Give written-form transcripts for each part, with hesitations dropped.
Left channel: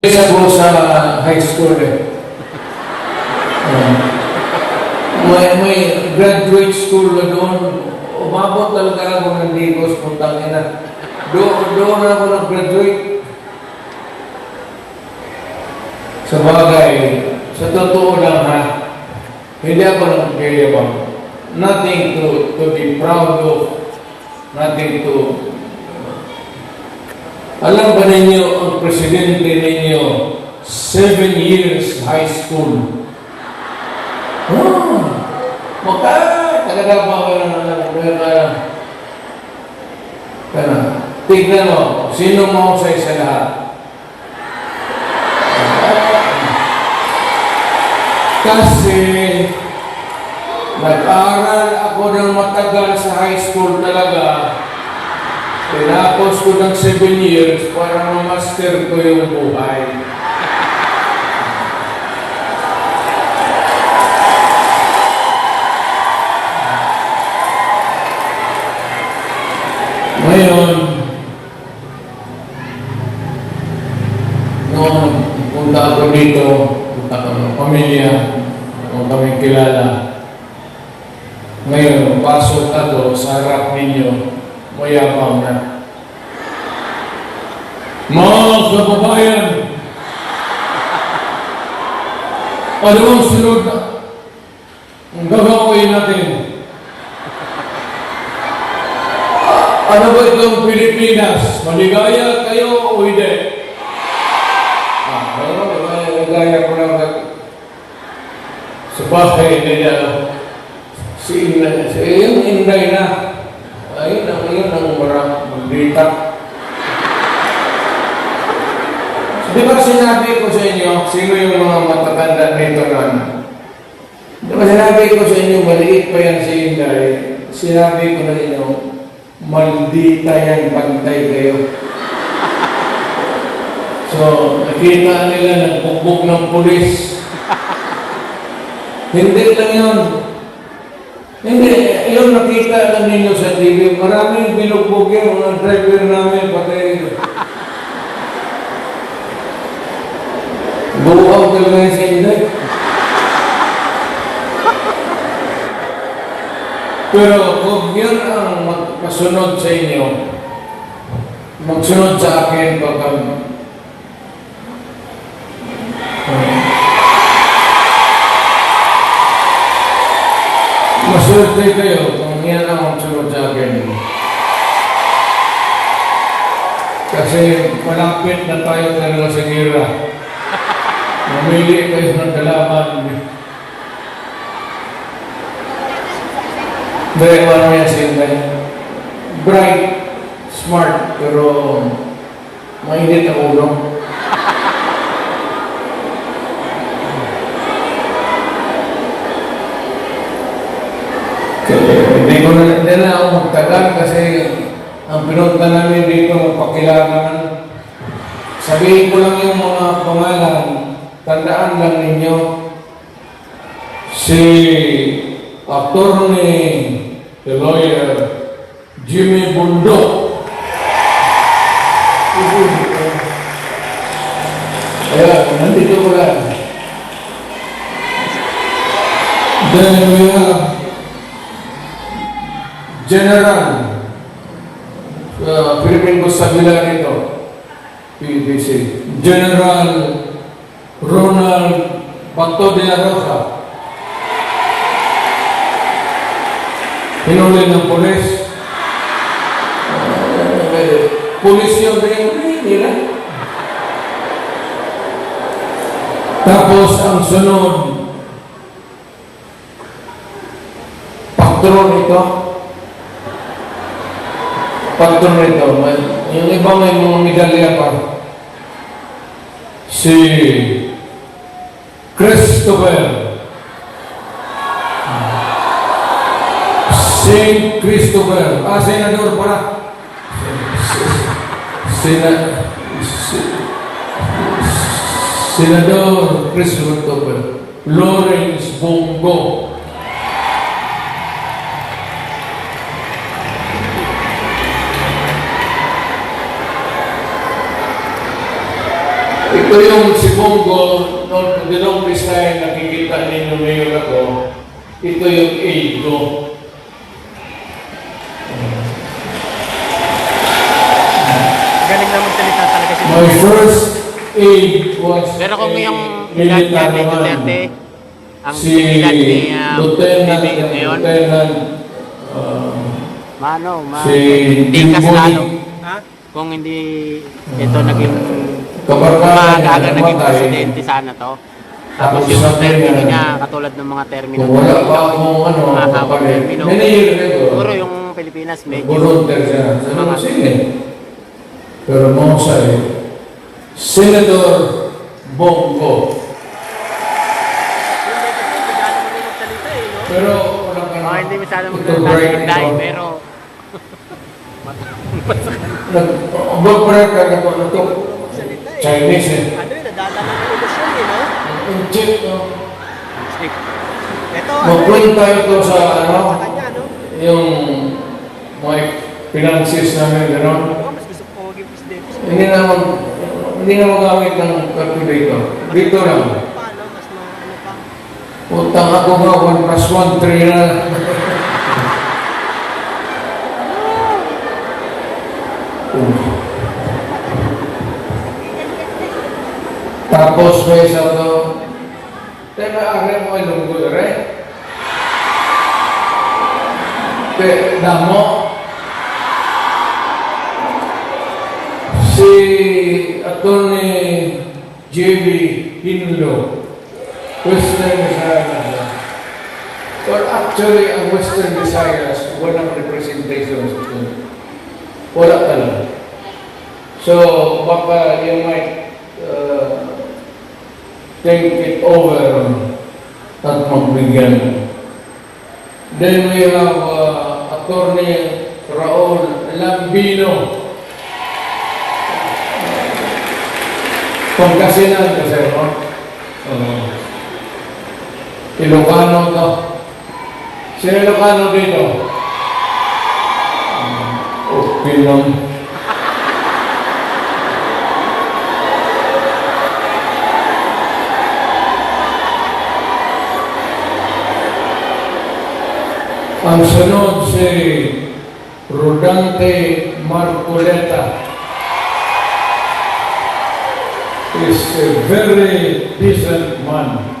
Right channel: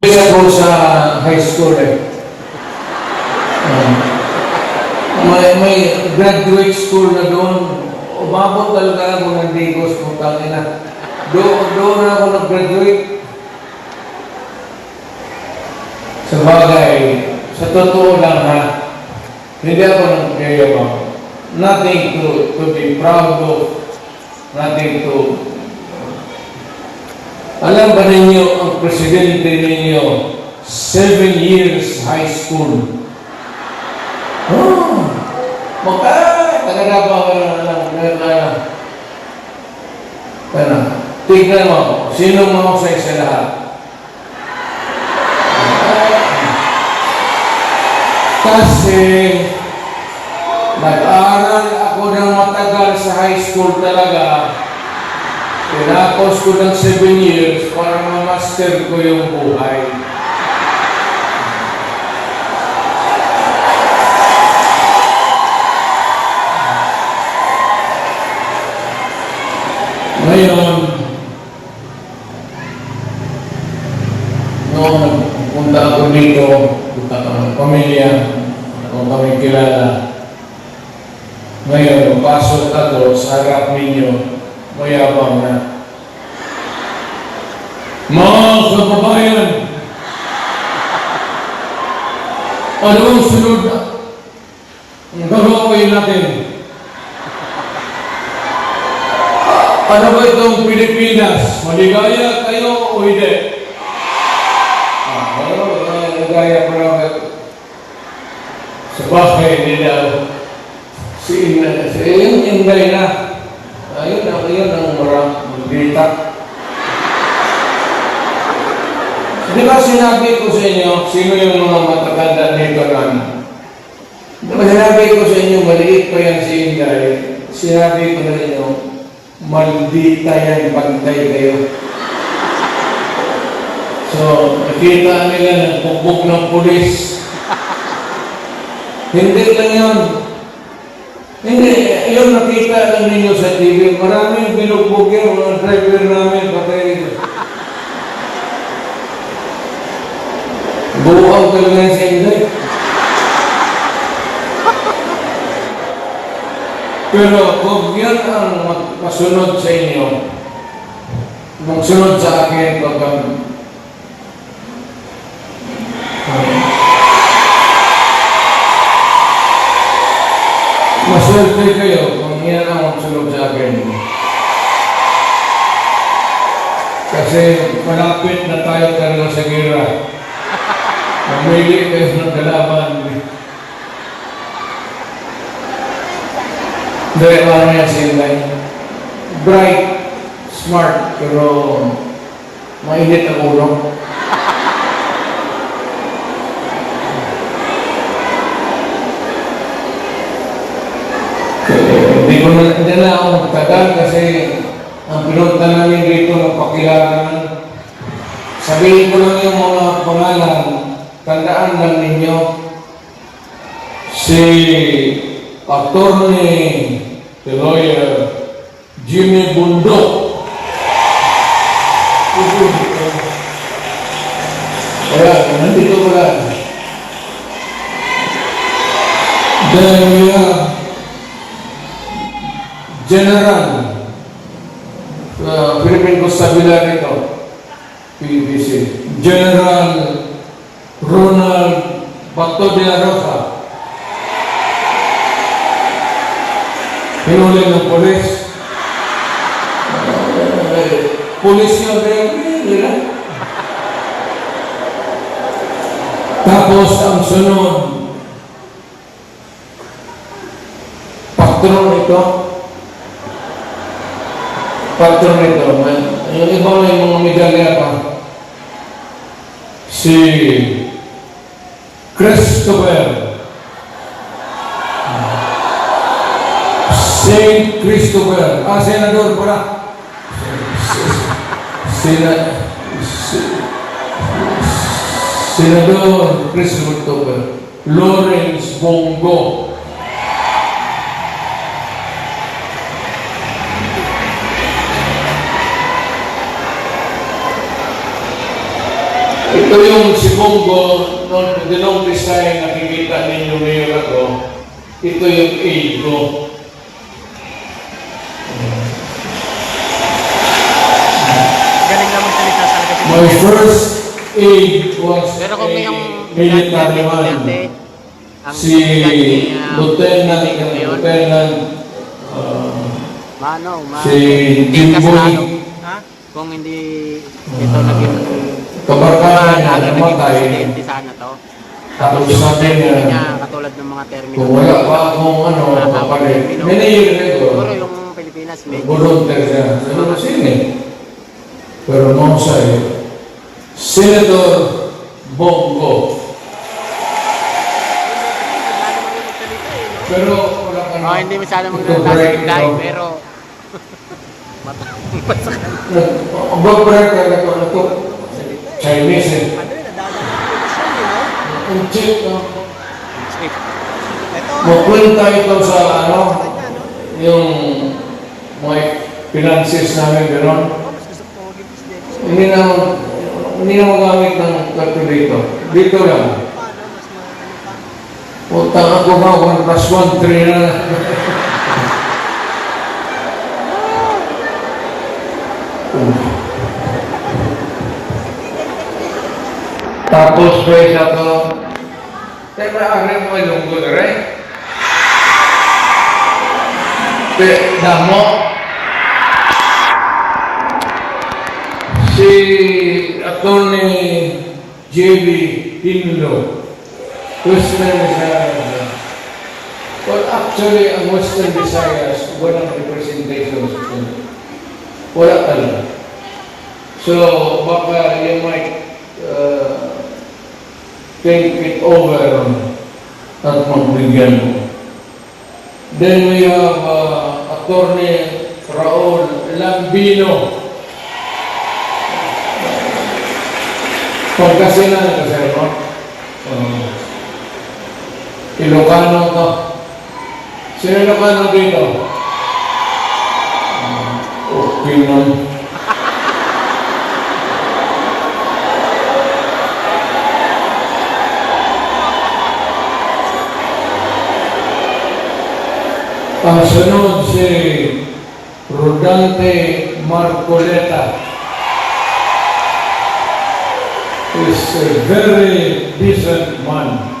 Isa ko sa high school may graduate school na doon. Umabot talaga ako ng Digos kung tangin na. Doon ako nag-graduate. Sa bagay, sa totoo lang ha, hindi ako nag-graduate. Nothing to be proud of. Nothing to... Alam ba ninyo, ang presidente ninyo, 7 years high school. Talaga ba wala na tignan mo, sino mahusay sa lahat? Kasi nag-aaral ako ng matagal sa high school talaga. Pinapos ko ng 7 years para ma-master ko yung buhay. Ngayon, noong punta ako dito, punta ko ng pamilya, kung kami kilala. Ngayon, pasok ako sa harap ninyo, mayabang na. Mga kababayan, ano ang sunod na gagawin natin? Ano ba itong Pilipinas? Maligaya kayo o hindi? Maligaya ko lang. Sa bahay nila, si Inday na. Ayun ang marang bita. Di ba sinabi ko sa inyo, sino yung mga matatanda dito lang? Di ba sinabi ko sa inyo, maliit pa yan si Inday. Sinabi ko sa inyo, maldita yan, pantay kayo. So, nakita nila nagbugbog ng pulis. Hindi lang yun. Hindi, yun nakita lang ninyo sa TV. Maraming binugbog yung mga driver namin patay. Buaw talaga sa inyo. Pero kung yan ang masunod sa inyo, magsunod sa akin pag maswerte kayo kung yan ang magsunod sa akin. Kasi malapit na tayo talaga sa gira. Mamili kayo ng kalaban. Dahil ano yan sila, bright, smart, pero mainit ang ulo. Hindi na ako magtagal kasi ang pinunta namin dito magpakilangan. Sabihin ko lang yung mga pangalan, tandaan lang ninyo, si Attorney, the lawyer, Jimmy Bundok. Nandito ko lang. Then we have General, Philippine Constabulary nito, PBC. General Ronald Bato de la Rosa. Hinuli ng polis. Polis yung nila. Tapos ang sunod, patron ito. Yung iba may mga medalya pa. Si Christopher. Saint Christopher. Senador pala. Senador Christopher. Lawrence Bongo. Ito yung si Bongo, noon the longest time nakikita ninyo ngayon ako, ito yung aid ko. Galing namin salita talaga si My first aid was Pero kung a yung military man. ang Si Lieutenant, Mano, si hindi kasalanan. Jimboy, Ha? Kung hindi ito naging kabarbahan na naging namatay. presidente sana to. Tapos Tapos yung sabi termino niya, niya, katulad ng mga termino. kung wala pa akong kapalit, many years Siguro ago, yung Pilipinas medyo volunteer siya. Ano sige? Pero mahusay, Senator Bongo. Pero wala ka na. hindi masyadong Ito maganda break sa dahil, ito. pero Mag-break ka na ito. Chinese eh. Ano yun, nadadala ko siya eh, no? Ang cheap, no? Ito, Magpunta ito sa ano, kanya, no? yung mga finances namin, gano'n. Mas gusto ko maging presidente. Hindi na magamit ng calculator. Dito lang. Paano, mas yung ano pa? Punta ako nga, 1 plus 1, 3 na. Tapos pa isa to, teka, arin mo ilunggo, right? Kaya, damo, si Atty. J.B. Hinlo, Western Visayas. Well, actually, ang Western Visayas, walang representation sa Pilipinas. Wala talaga. So, baka you might take it over at magbigyan mo. Then we have Atty. Raul Lambino. Pagkasinan kasi mo. Ilocano to. Sino Ilocano dito? Okay man. Ang sunod si Rodante Marcoleta. Is a very decent man.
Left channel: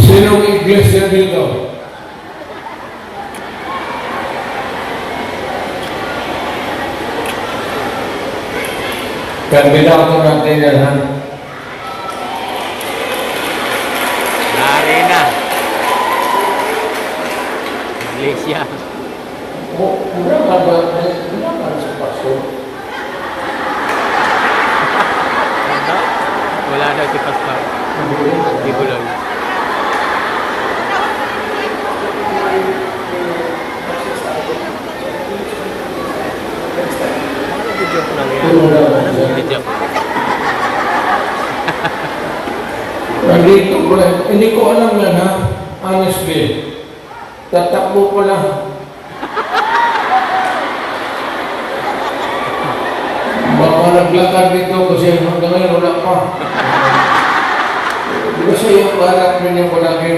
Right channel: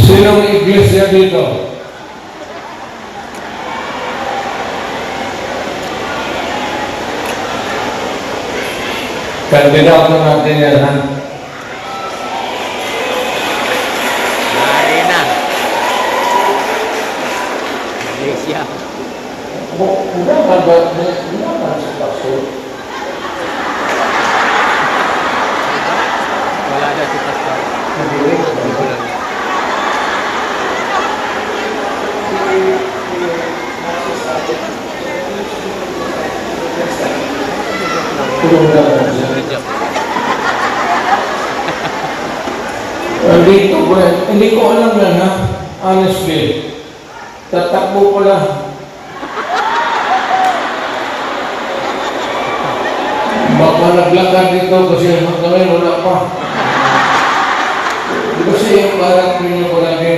Sinong iglesia dito? Kandidato natin yan, ha? nari na. Iglesia. Bukan sa paso. Wala na si Pastor. Hindi ko lang. Hindi ko alam yan, ha? Honestly. Tatakbo ko lang. Baka naglakad dito kasi hanggang ngayon wala pa. Di ba siya yung barat ninyo ko lagi?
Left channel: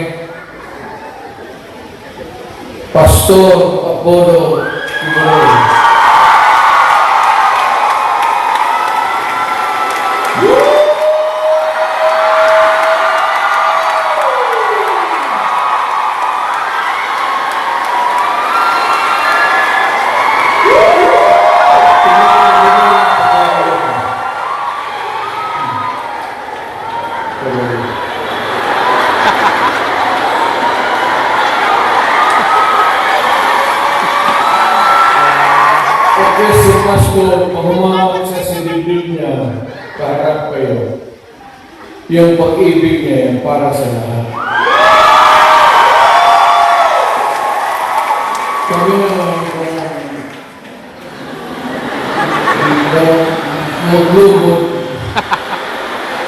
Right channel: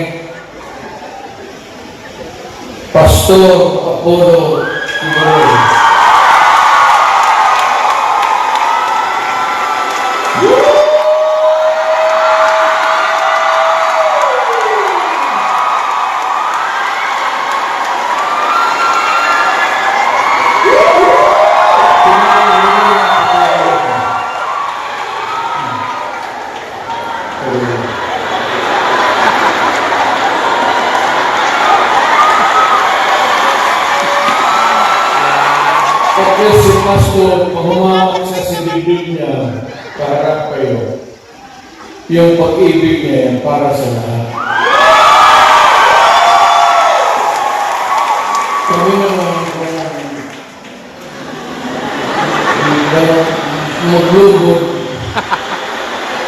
Pastor Apollo Timoy. Kasi si Pastor, pag humawak sa silibig niya, para kayo, yung pag-ibig niya para sa lahat. Kami naman, maglubog,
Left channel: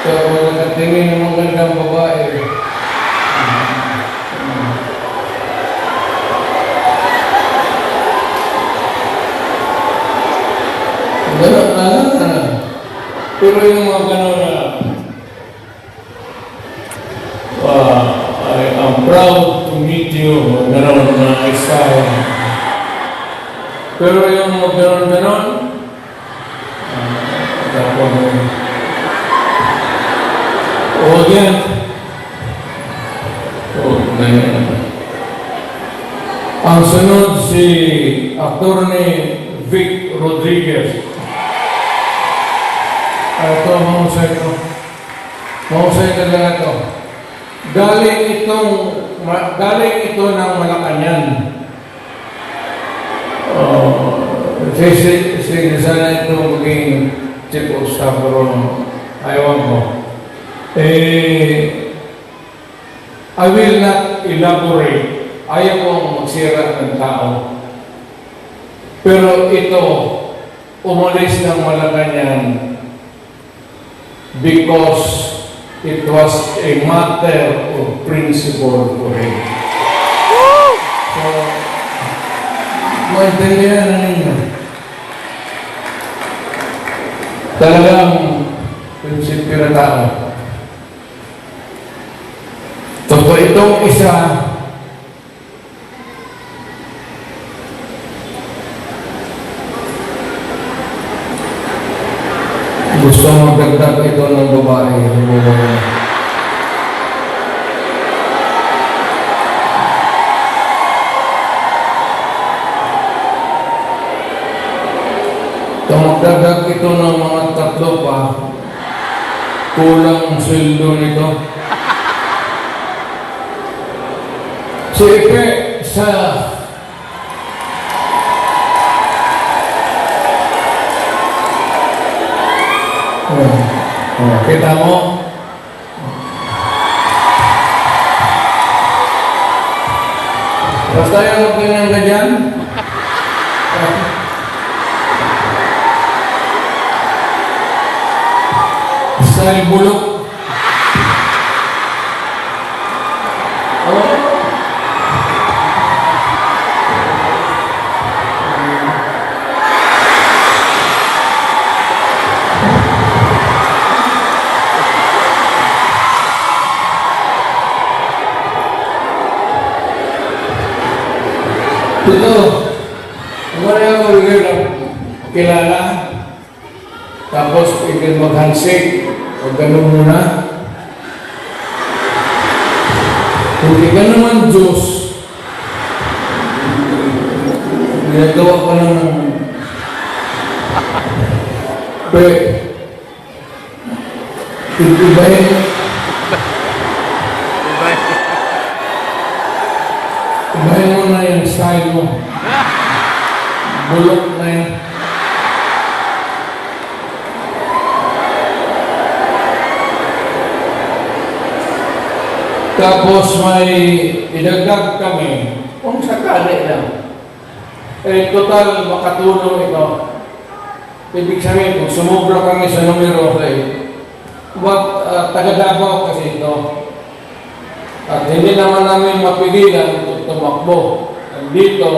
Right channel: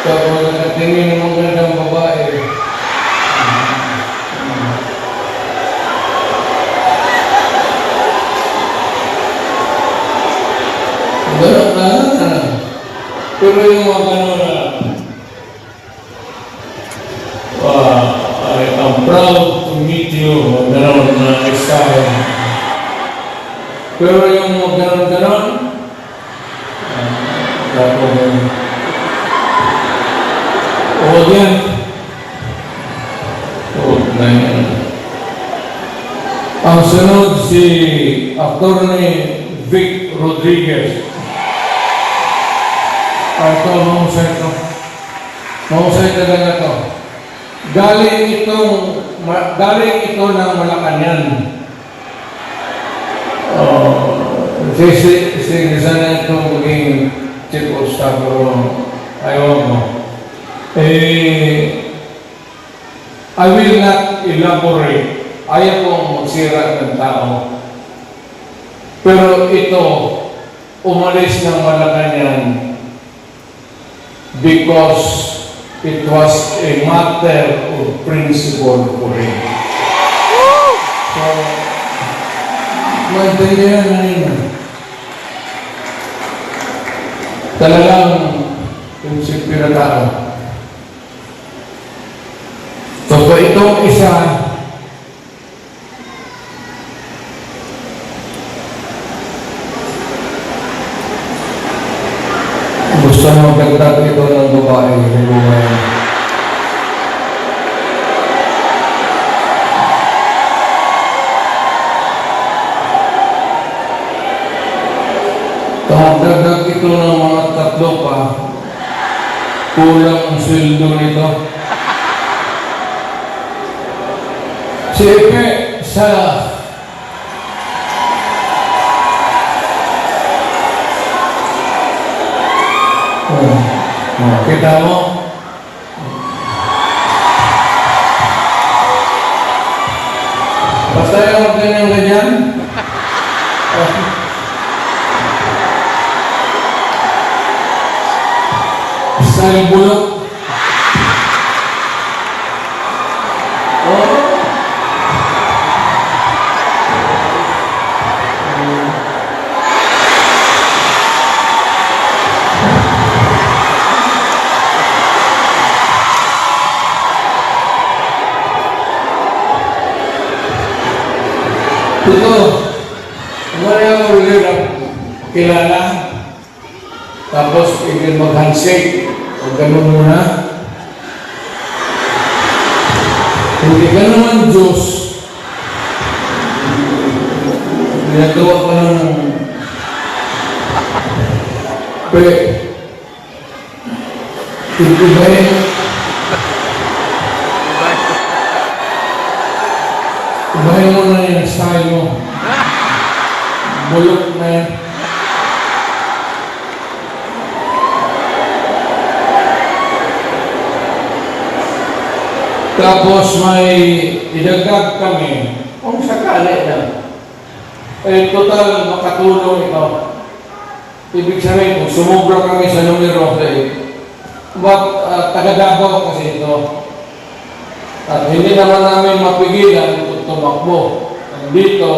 kaya nakatingin ng magandang babae, Pero yung mga gano'n na, I am proud to meet you, gano'n mga iskaya. Pero yung mga gano'n, yan. Ang sunod si Atty. Vic Rodriguez. Ito, mahusay ko. Mahusay talaga ito. Galing ito ng Malacanang. Sige sana ito maging chief of staff ko. Ayaw mo. I will not elaborate. Ayaw kong magsira ng tao. Pero ito, umalis ng Malacanang because it was a matter of principle for him. So, maintindihan na ninyo. Talagang prinsipyo na tao. So, itong isa, gusto mo magdagdag ito ng babae, yung babae. Magdagdag ito ng mga tatlo pa, kulang ang sweldo nito. Sige, sa kita mo? Basta yung ganyan-ganyan. Style bulok. Oh. Ito, wala yung ulit kilala, tapos ikil mag-handshake, o gano'n muna. Kung gano'n ang Diyos, ginagawa ko ng ibahin. Ibahin mo na yung style mo. Bulok na yun. Tapos may idagdag kami, kung sakali lang. Total makatulong ito. Ibig sabihin, kung sumubra kami sa numero, taga-Davao kasi ito. At hindi naman namin mapigilan kung tumakbo. Dito,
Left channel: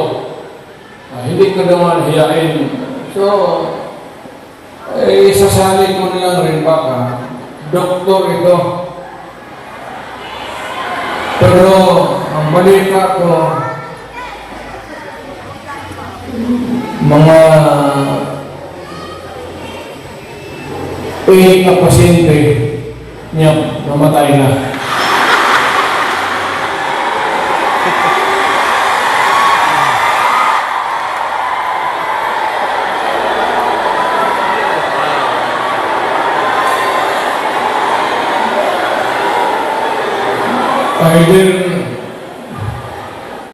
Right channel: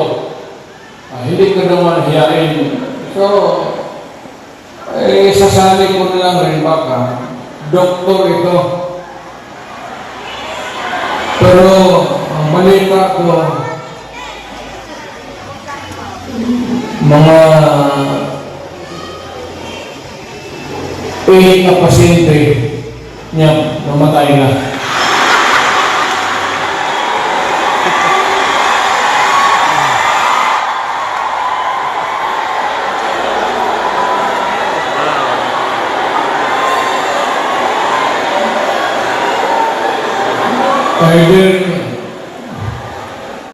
hindi ko naman hiyain. So, sasali ko lang rin baka, doktor ito. Pero, ang balita ko, mga 8 na pasyente niya namatay na. Either